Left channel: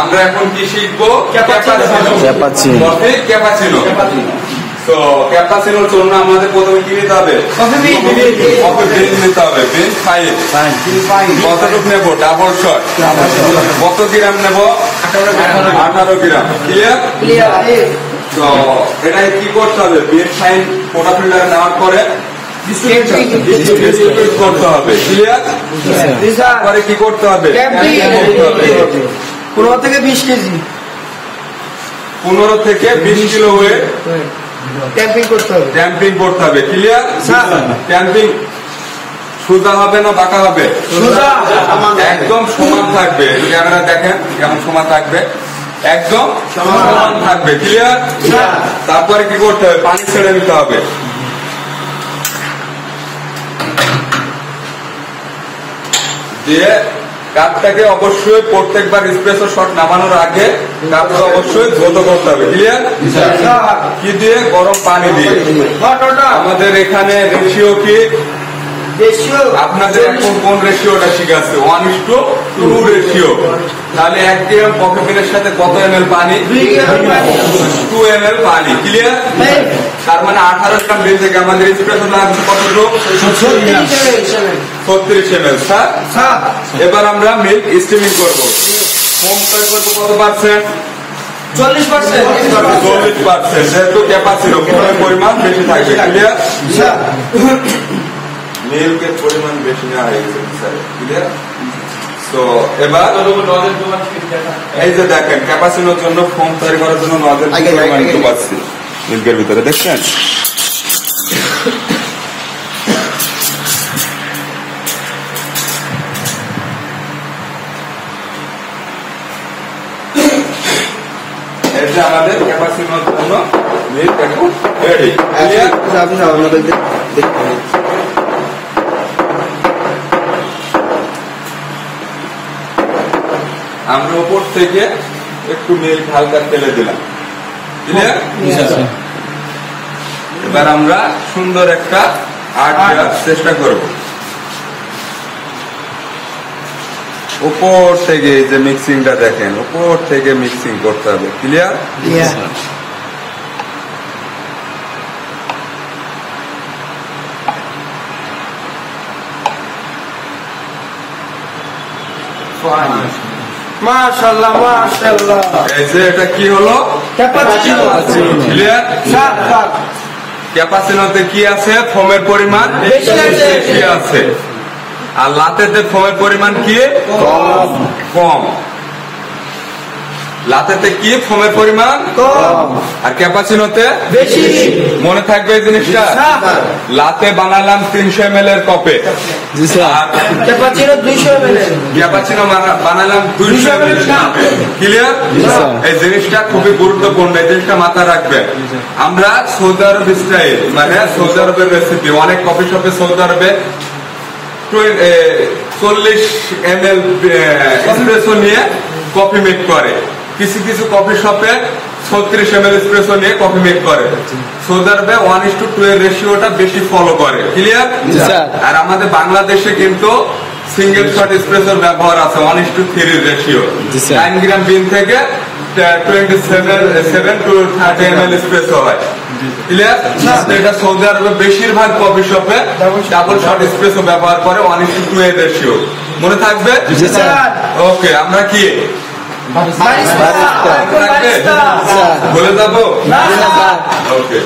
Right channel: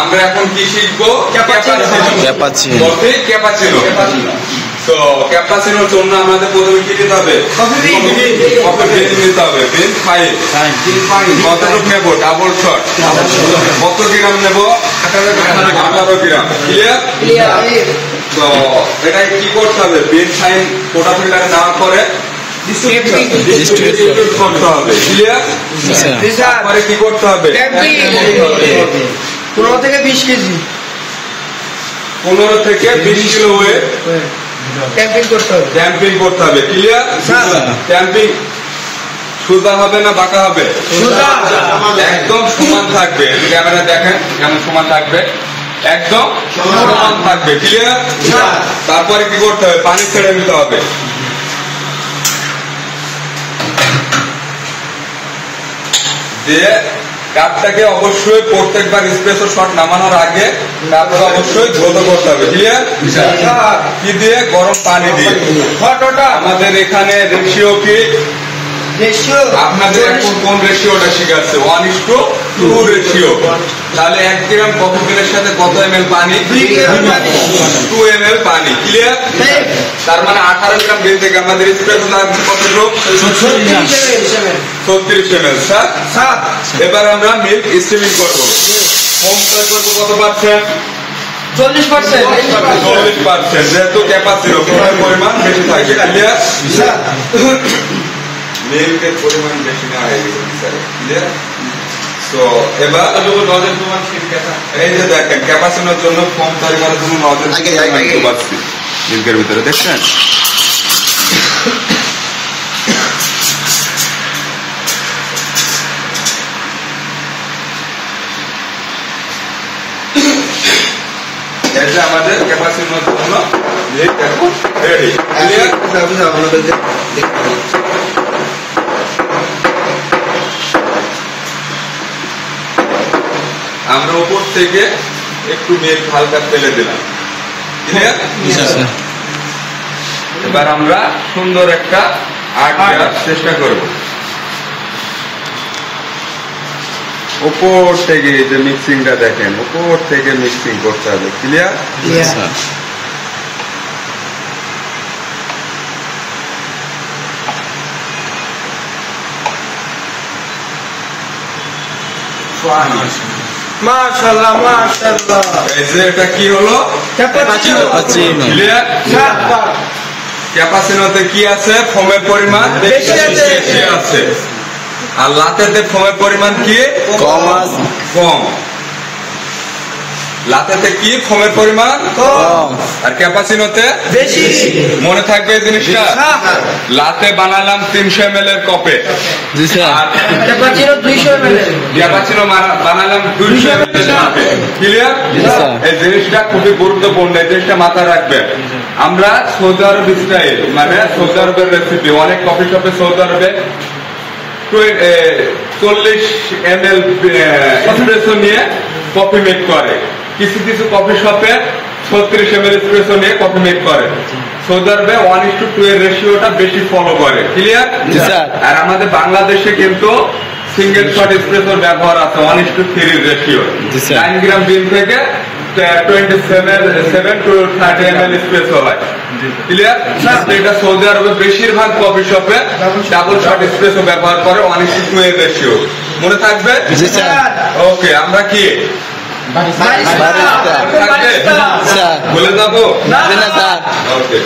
আমরা এখন কি শিখবো? ক্যাপাচিনো। Coffee cappuccino. তো ক্যাপাচিনোর জন্য আমাদের প্রথমে কি নিতে হবে? কফি বিন নিতে হবে। বিন খাই কতটুকু নেবো? Double shot. কত গ্রাম নেবো? 18 গ্রাম। ক্লিয়ার? তো এটাই কি করতে হবে? বিন ফাইন কোটা ফিল্টারে দেওয়ার পরে ডিস্ট্রিবিউট করতে হবে। ক্লিয়ার? তারপরে কি করতে হবে? 15 থেকে 20 কেজি 15 থেকে 20 কিলো ওয়েট ক্যাম্পিং করতে হবে। ক্লিয়ার? ক্যাম্পিং সোজা হবে না বাঁকা হবে? একদম সমান থাকবে। ক্যামেরা দেখেন কেমন সমান থাকবে, একদম সমান থাকবে। ক্লিয়ার? তারপরে কি করতে হবে? পানি ছেড়ে দিতে হবে। দিয়ে কাপটাকে অবশ্যই প্রত্যেকবার এসপ্রেসো শট নামানোর আগে কাপটা অবশ্যই ধৌত করতে হবে। ক্লিয়ার? কি দিয়ে? গরম পানি দিয়ে। আমাদের এখানে রেশিও কি? আপনাদের এখন কোন রেশিওটা শিখাচ্ছে? 1:2 রেশিও। তাহলে 1 গ্রাম কফি বিনের সাথে কত ml পানি? 2 ml পানি। ক্লিয়ার? তার মানে 18 গ্রাম বিন থেকে আমাদের এসপ্রেসো লাগবে কতটুকু? 36 ml। এবার আমরা মিল্ক স্টিমিং করবো। ফোমটা করবো কত পার্সেন্ট? 40%। যেহেতু ক্যাপাচিনো পরিমাণ বেশি থাকে। ক্লিয়ার? মিল্কের পরিমাণ বেশি না হয়ে গেছে। ক্লিয়ার? তো এবার এই যে দেখেন ক্যাপাচিনোর জন্য ফোম তৈরি করার জন্য নজেল পাচ্ছি মিল্কের ভিতরে দেখছেন। আমাদের ক্যাপাচিনোর জন্য মিল্ক এখন রেডি। ক্লিয়ার? আমরা উপর থেকে একটু মিল্ক হালকা ফেলে দিলাম। ক্লিয়ার? এবার আমরা সুন্দর একটা আর্ট দেওয়ার চেষ্টা করব। উপর থেকে যে মিক্সিংটা দেখেন, উপর থেকে মিক্সিং করতে হবে। ক্লিয়ার? মাশাআল্লাহ মাশাআল্লাহ। এই যে এটা কি হলো? ক্যাপাচিনো। ক্লিয়ার? ক্যাপাচিনোতে কি আছে? ফোমের পরিমাণ বেশি আছে। আর লাতেতে ফোমের পরিমাণ কি? কম। লাতেতে কি? ফোমের পরিমাণ কম। আর ক্যাপাচিনোতে বেশি। মনে থাকবে এই জিনিসটা। লাতে বানালাম 300 ml এর কপে, ক্যাপাচিনো বানালাম 200 ml এর কাপে। ক্লিয়ার? এই জিনিসটা খুবই গুরুত্বপূর্ণ। এই জিনিসটা মাথায় রাখবেন। আমরা সৌদি আরব স্টাইল, মানে সৌদি আরবের রেসিপি, অনেক কফি শপে সৌদি আরবে 40 ml এসপ্রেসো নিয়ে কফি মেক করে। কিছু কিছু কফি শপে 36 ml এসপ্রেসো নিয়ে কফি মেক করে। সৌদি আরবে 1:2 এর রেশিওটা বেশি ফলো করে। ক্লিয়ার? আর আমাদের বাংলাদেশে কিন্তু সিঙ্গেল শট এসপ্রেসোর ব্যবহার আছে 1:3 রেশিও। 9 গ্রাম বিন থেকে 27 to 30 ml এসপ্রেসো হয়। ক্লিয়ার? এটা সৌদি আরবে বেশিরভাগ কফি শপে ডাবল শট এসপ্রেসো ব্যবহার করে 1:2 এর রেশিও। মনে থাকবে? ওকে, আমরা কি বলে যাবো? ওকে।